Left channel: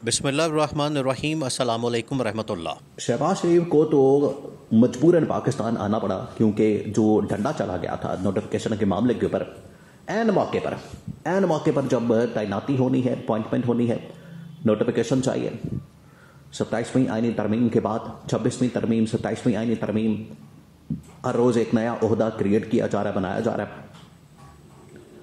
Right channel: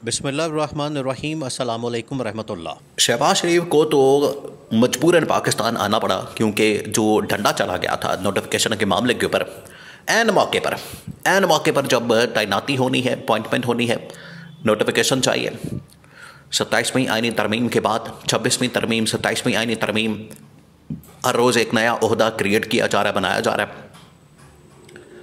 बिस्मिल्लाहिर्रहमानिर्रहीम अस्सलाम वालेकुम रहमतुल्लाह। शहबाज शरीफ को तो मजबूरन पाकिस्तान आना पड़ा क्योंकि जो डंडा चला गया था नोटिफिकेशन के मामले के ऊपर एन मौके पर जब तैनाती होनी है, अपॉइंटमेंट होनी है, नोटिफिकेशन चाहिए। 27वीं आईनी तरमीम के बाद 26वीं तरमीम, 27वीं आईनी तरमीम, हर रोज़ एक नया ओहदा क्रिएट किया जा रहा है, बनाया जा रहा है।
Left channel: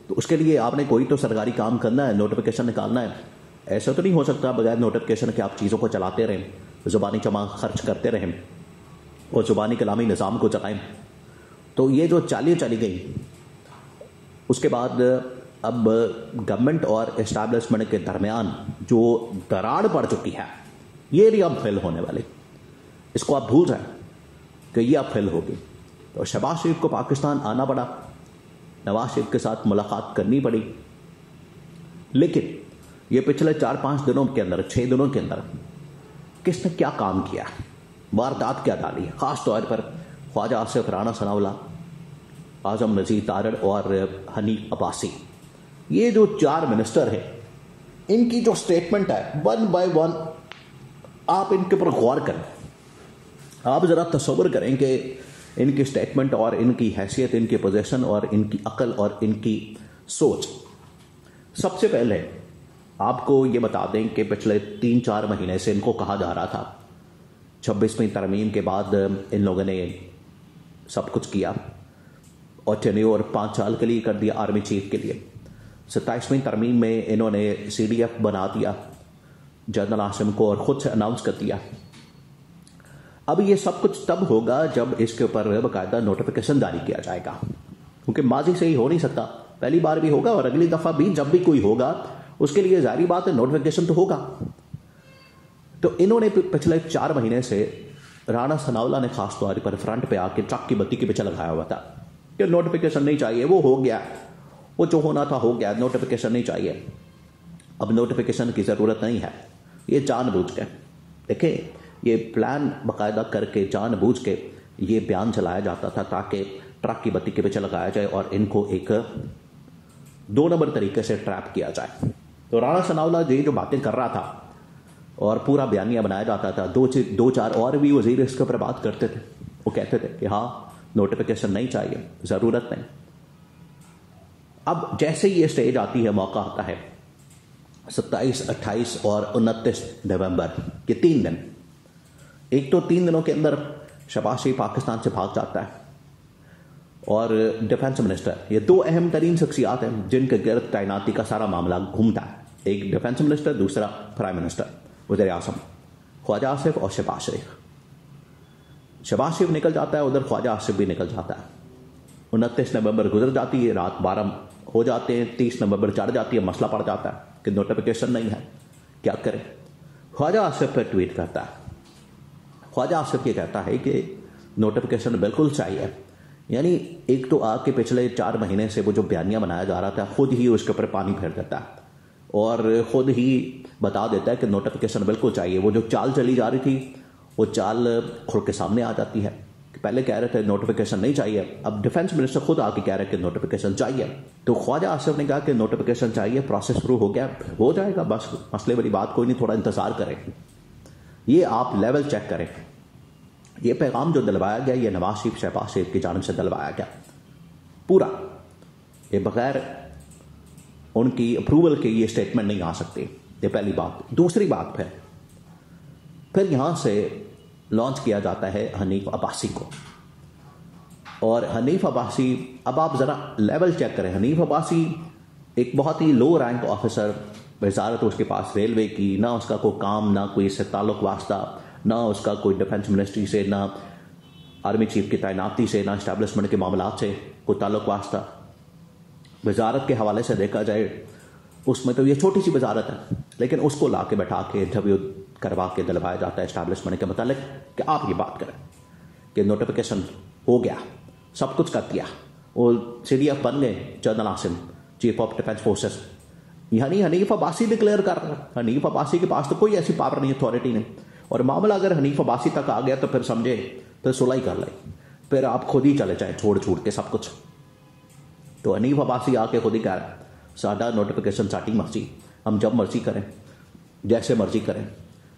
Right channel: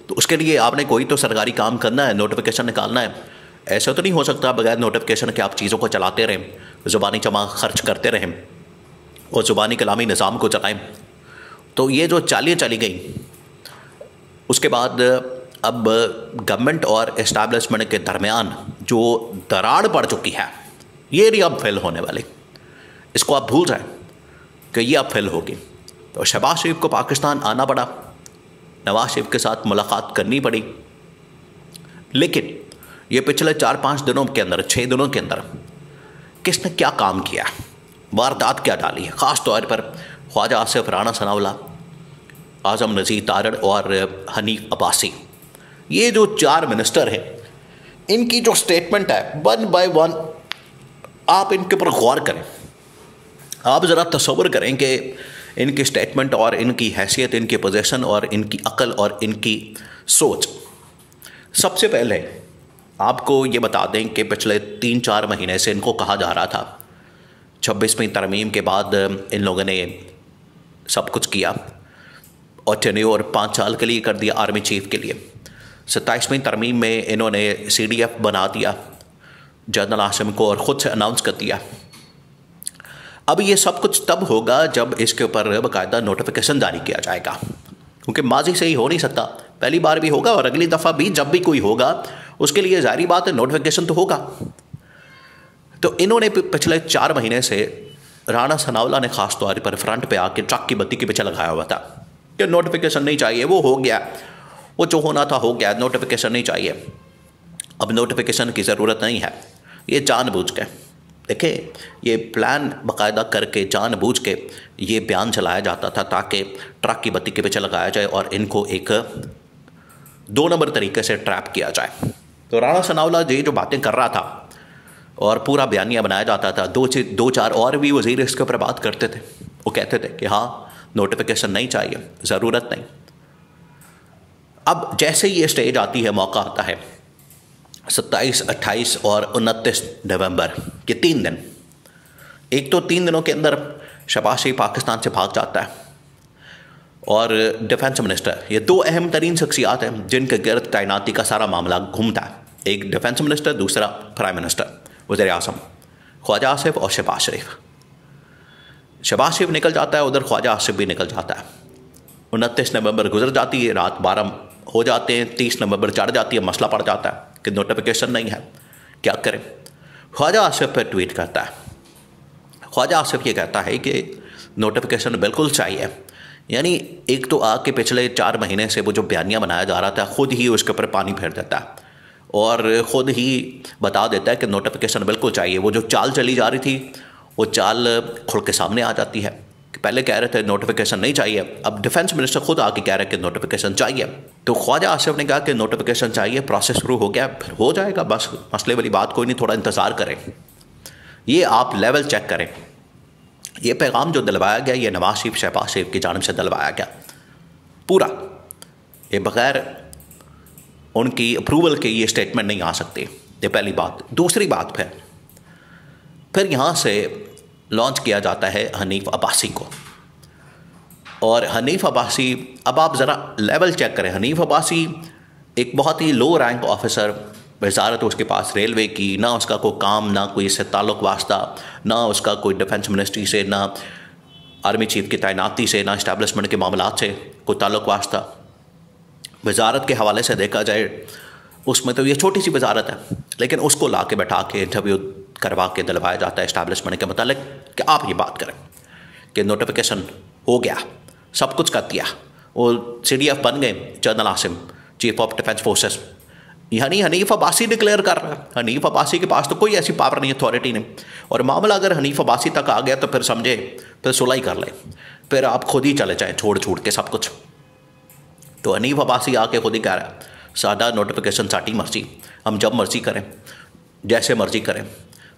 तो उसके लिए आपने कोई तो सरकारी काम करना है, नोटिफिकेशन निकालना है। ऐसा तो नहीं हो सकता बगैर नोटिफिकेशन के आप चीज़ों को चलाते रहें, ज़ुबानी जमा खर्च करते रहें और ज़ुबानी कलामी निज़ाम को चलाएं। तो ये जो चालियाँ चली गई, उसके बाद अब गवर्नमेंट और इस्टेब्लिशमेंट के दरमियान जो दरार पड़ चुकी है, ये नहीं अब फिल होने वाली। इसको आप भूल जाएं कि ये अब फिल होगी। तो शहबाज शरीफ को पाकिस्तान आना पड़ा, नवाज शरीफ के साथ मुलाकात करनी पड़ी, लेकिन ये पिछले 4-5 दिनों के अंदर, 6 दिनों के अंदर किसने क्या काम किया, वारदात क्या डाली है। ख़ास तौर पर ख्वाजा आसिफ, राना सनाउल्लाह, आज़म नज़ीर तारड़ और हनीफ अब्बासी, ये जो 4 मिनिस्टर हैं, इनकी जो स्टेटमेंट है वन बाय वन आप इनके ऊपर गौर करें। आप ज़रा तसव्वुर करें कि इनकी स्टेटमेंट और इनकी हैसियत, इनकी पोजीशन और इनकी अक्ल और इनकी सोच। सबसे पहले आपको ये बता दें कि पिछले 3-4 महीने से इनको कहा जा रहा था 26वीं तरमीम के बाद इन लोगों ने सब कुछ किया और टेन्योर 5 साल के लिए कर दिया आर्मी चीफ के लिए। 27वीं तरमीम में इन्होंने CDF बना दिया जनरल आसिम को और ख़ुद से अनाउंस कर दिया। अब ये सब कुछ तब होगा जब इसके ऊपर बाकायदा नोटिफिकेशन जारी किया जाएगा, क्योंकि माजी से ही हो नहीं सकता। पहली बार भी होगा और अगली दफ़ा भी जब भी कोई होगा उसके लिए जारी बात है नोटिफिकेशन तो होगा। तो इन्होंने पिछले 4 महीने से राना सनाउल्लाह ने ख़ास तौर पर फ्रंट पे आके ट्रक की बत्ती के पीछे लगाया हुआ था कि नोटिफिकेशन नहीं चाहिए, वो हो गया, वो जो होना था हो गया, नोटिफिकेशन नहीं चाहिए, अब नोटिफिकेशन की ज़रूरत नहीं है। ये जानबूझ के देखिए, ये प्लान बाकायदा करके जानबूझ के ये बयान चलाया जाता था ताकि ट्रक की बत्ती के पीछे लगाया जाए और इनको एक 2 नंबर तरीके से ट्रैप किया जाए। तो राना सनाउल्लाह ये जो बातें कर रहा था और पूरा बयानिया बनाया जाता था, 2-4 और भी वज़ीर इसके ऊपर बात करते थे। वो कहते थे कि हाँ नोटिफिकेशन नहीं चाहिए, ज़रूरत नहीं। अब जैसे ही ये स्टेज आती है, मौका आता है 27, 28 और 29 नवंबर के 3 दिन, एक तो 3 दिनों के अंदर शहबाज शरीफ पाकिस्तान से भाग जाता है और डिफेंस मिनिस्टर, ये 2 अहम तरीन शख्सियात हैं जिनके गिर्द तैनाती का सारा मामला घूमता है। एक डिफेंस मिनिस्टर, दूसरा प्राइम मिनिस्टर वज़ीर आज़म, ख्वाजा आसिफ और शहबाज शरीफ। शहबाज शरीफ निकल जाता है, उधर ख्वाजा आसिफ भी निकल जाता है। 29 नवंबर गुजर जाती है, रात 12 हो जाते हैं, 30 नवंबर चढ़ जाती है, मसला पड़ जाता है कि नोटिफिकेशन नहीं है, क्या करें। ख्वाजा आसिफ पर ट्वीट करता है। ख्वाजा आसिफ ये कहता है कि नोटिफिकेशन बिल्कुल चाहिए। यानी एक तो आके पिछले 4 महीने से वो जो बयानिया बनाया जा रहा था, ख़ुद ही उसके ऊपर पानी फेर देता है और ख़ुद ही बता देता है कि नोटिफिकेशन बिल्कुल चाहिए। वो जो चाल चली जा रही थी, वो चाल खुल के सामने आ जाती है कि पहले कह रहे थे नोटिफिकेशन नहीं चाहिए, अब डिफेंस मिनिस्टर खुद आके कह रहे हैं कि नोटिफिकेशन चाहिए। तो ख्वाजा आसिफ ने कहा कि नोटिफिकेशन चाहिए, प्रोसेस शुरू हो गया, फिर हो जाएगा, बस मसले वाली बात कोई नहीं, थोड़ा इंतज़ार करें। ये आप लेवल चेक करें। ये पैगाम जो दिलवाया गया, ये नवाज शरीफ, शहबाज शरीफ की जानिब से दिलवाया गया पूरा, ये बग़ैर उनकी अप्रूवल के ये स्टेटमेंट नहीं आ सकती। ये पहली बात। दूसरी बात, फिर यहाँ से लॉन्च किया जाता है हनीफ अब्बासी को। और हनीफ अब्बासी, अब आप ज़रा लेवल चेक करें। हनीफ अब्बासी एक बहुत ही लो रैंक ऑफिसर, वजारत उसके पास रेलवे की, ना उसका कोई काम, ना कोई इससे ताल्लुक़ वास्ता, ना उसका कोई डिफेंस मिनिस्ट्री से, ना आर्मी चीफ की तैनाती से, ना इस्टेब्लिशमेंट के मामलात से कोई ताल्लुक़ वास्ता। वजारत के हवाले से देखा जाए उसमें तो ये छोटी सी वजारत है, लेकिन उसको ला के बैठा के इंटरव्यू करवा के दिलवाया जाता है इस्टेब्लिशमेंट के मतलब कि आप ये बात करें कि नोटिफिकेशन हो गया, सब कुछ कर दिया, वो CDF बन गए general Asim, chief of defence forces. यानी हनीफ अब्बासी डिक्लेयर कर रहा है। हनीफ अब्बासी के पास तो कोई ऐसी पावर नहीं, अथॉरिटी नहीं। और मामला अगर हनीफ अब्बासी तक आ गया तो फिर समझे, फिर सुलह ही कर ले, फिर आप खुद ही चले जाएँ छोड़ के सब कुछ। तो हनीफ अब्बासी आके खुद ही कह रहा है सादा नोटिफिकेशन साटी मर्जी, हम जब मर्जी करें, जैसे मर्जी करें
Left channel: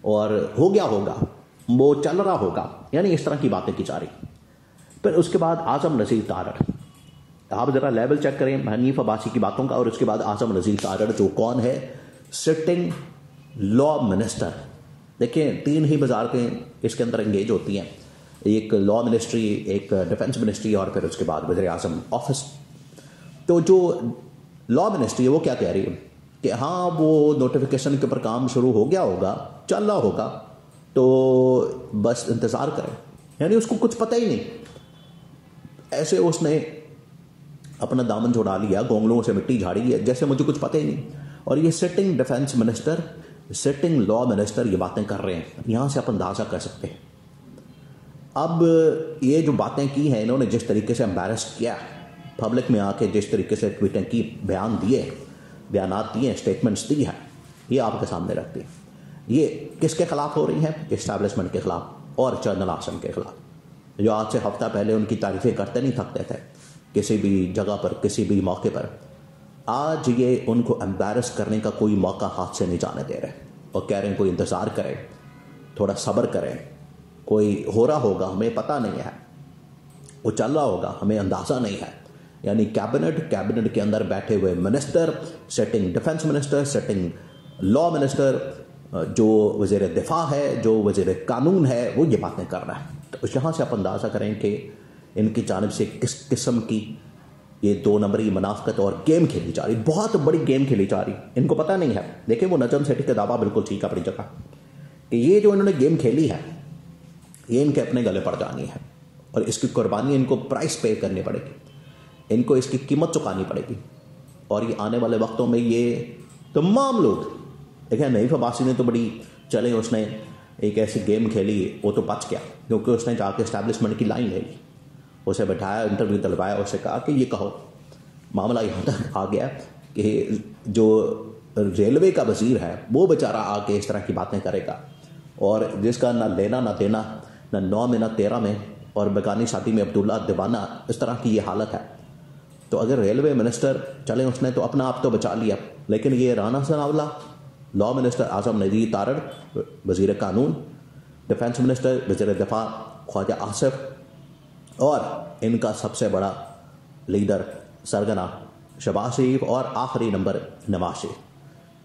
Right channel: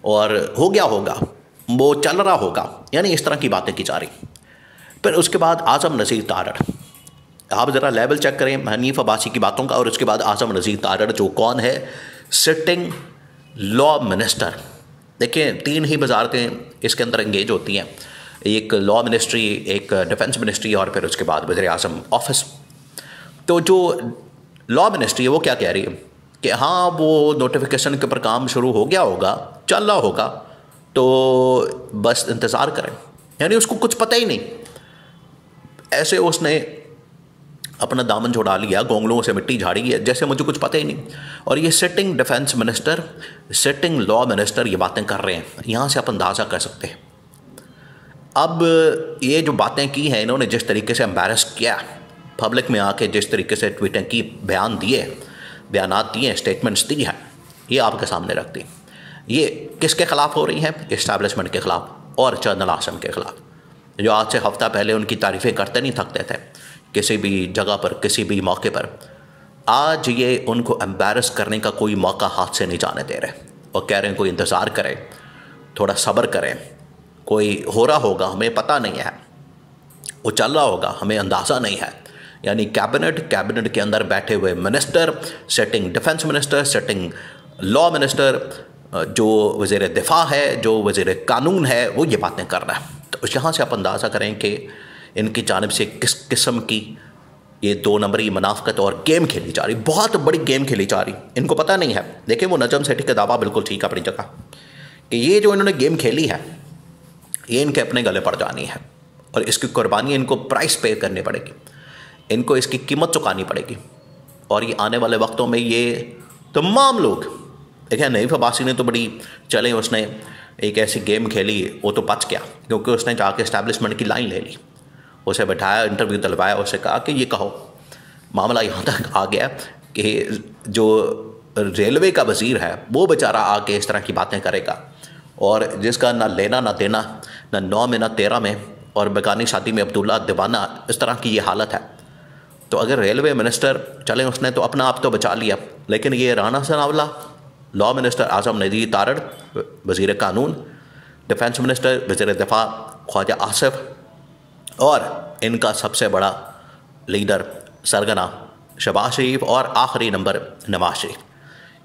और हो गया होगा, वो चल रहा होगा, यानी इस तरह की बातें की जा रही। फिर उसके बाद आज़म नज़ीर तारड़, आप ज़रा लेवल चेक करें हनीफ अब्बासी की बातों का और उसके बाद आज़म नज़ीर तारड़ जो कौन है, सिटिंग लॉ मिनिस्टर। देखिए 3 ही वजारतें इसके अंदर एंगेज होती हैं, एक लॉ मिनिस्ट्री, एक डिफेंस मिनिस्ट्री और फिर उसके बाद वज़ीर आज़म ऑफिस। तो जो लॉ मिनिस्ट्री है वो क्या कह रही है कि हाँ वो नोटिफिकेशन के ऊपर काम शुरू हो गया होगा, चल रहा होगा, तो बस इंतज़ार करें। यानी उसको कुछ पता ही नहीं, ऐसे उसने अपना दामन छुड़ा लिया, गोंगलों से मिट्टी झाड़ी है जैसे मुझे कुछ पता ही नहीं। और ये sitting defence minister, sitting law minister ये बातें कर रहे हैं। यहाँ से आप अंदाज़ा कर सकते हैं। अब ये जो बातें की हैं इन्होंने, जिस तरीके से एम्बैरस किया पब्लिक में आके, जिस तरीके से ट्वीटें की, बयान दिए, बयानात दिए, स्टेटमेंट्स दी हैं, ये आपके सामने रख दी। ये किसके ख़िलाफ़ हो रही हैं? इस्टेब्लिशमेंट के ख़िलाफ़ और जनरल आसिम के ख़िलाफ़, जो आज से हफ्ता पहले उनकी तारीफ़ें करते नहीं थकते थे किसी भी जगह पर, किसी भी मौके पर। आज ये उनको एम्बैरस करने का कोई मौका हाथ से नहीं जाने दे रहे और कह रहे हैं कोई इंतज़ार करें, थोड़ा सब्र करें, कोई हो रहा होगा, हमें पता नहीं है, वो चल रहा होगा, हमें अंदाज़ा नहीं है। यानी कैबिनेट के अंदर बैठे हुए minister, setting defence minister, setting law minister, जो वज़ीर दिफा है, जो वज़ीर कानून है, वो ये बातें कर रहा है। तो यहाँ से आप अंदाज़ा करें कि इनकी जानिब से किस किस्म की ये 2 नंबरी मुनाफ़कत और गेम खेली जा रही, बहुत बड़ी गेम खेली जा रही। इनको पता नहीं है। देखिए वो नजम सेठी का दावा बिल्कुल ठीक है अपनी जगह कि ये जो इन्होंने गेम खेली है ये इनके अपने गले पड़ जानी है और इसकी कुर्बानी इनको प्राइस पे करनी पड़ेगी, इनको इसकी कीमत चुकानी पड़ेगी। और ये आने वाले वक्तों में ये तमाम लोग, देखिए हनीफ अब्बासी ने तो बड़ी चले, उसने एक ऐसी गेम खेली, वो तो बच गया क्योंकि उसने जाके इस्टेब्लिशमेंट की लाइन ले ली, उसे बैठाया, इंटरव्यू दिलवाया, उससे कहा कि ये कहो। मामला यहाँ तक आ गया कि जो रेलवे का वज़ीर है वो बेचारा आके इस तरह की बातें करेगा और जिसका ना लेना ना देना, ना 9 में ना 13 में, और बेगानी शादी में अब्दुल्ला दीवाना, इस तरह की ये हालत है। तो अगर रेलवे मिनिस्टर चले, उसने तो अपना आप तो बचा लिया, लेकिन ये राना सनावला, लॉ मिनिस्टर आज़म नज़ीर तारड़, वज़ीर कानून, डिफेंस मिनिस्टर, वज़ीर दिफा ख्वाजा आसिफ, और इनका सबसे बड़ा लीडर सरगना शहबाज शरीफ, और आखिरी नंबर नवाज शरीफ,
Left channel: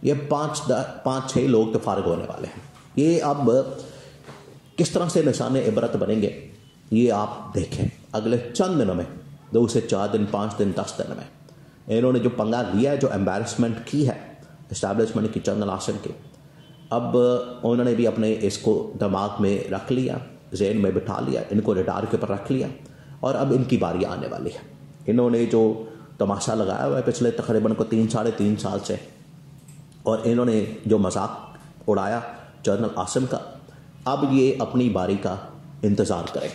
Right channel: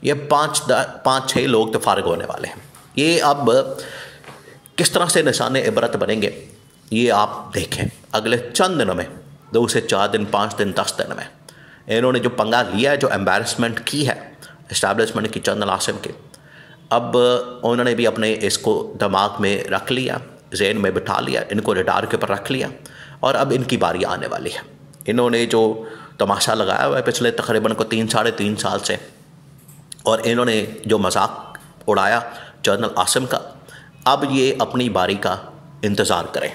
ये 5-6 लोग तो फारिग होने वाले हैं। ये अब किस तरह से निशाने इबरत बनेंगे ये आप देखें अगले चंद दिनों में, 2 से 4 दिन, 5 दिन, 10 दिन में। इन्होंने जो पंगा लिया है, जो एम्बैरसमेंट की है इस्टेब्लिशमेंट की जनरल आसिम की, अब उन्होंने भी अपने इसको दिमाग में रख लिया, जहन में बिठा लिया, इनको रडार के ऊपर रख लिया और अब इनकी बारी आने वाली है। इन्होंने जो तमाशा लगाया हुआ है पिछले तकरीबन को 3-3.5 साल से, और इन्होंने जो मजाक उड़ाया जनरल आसिम का, अब ये अपनी बारी का इंतज़ार करें।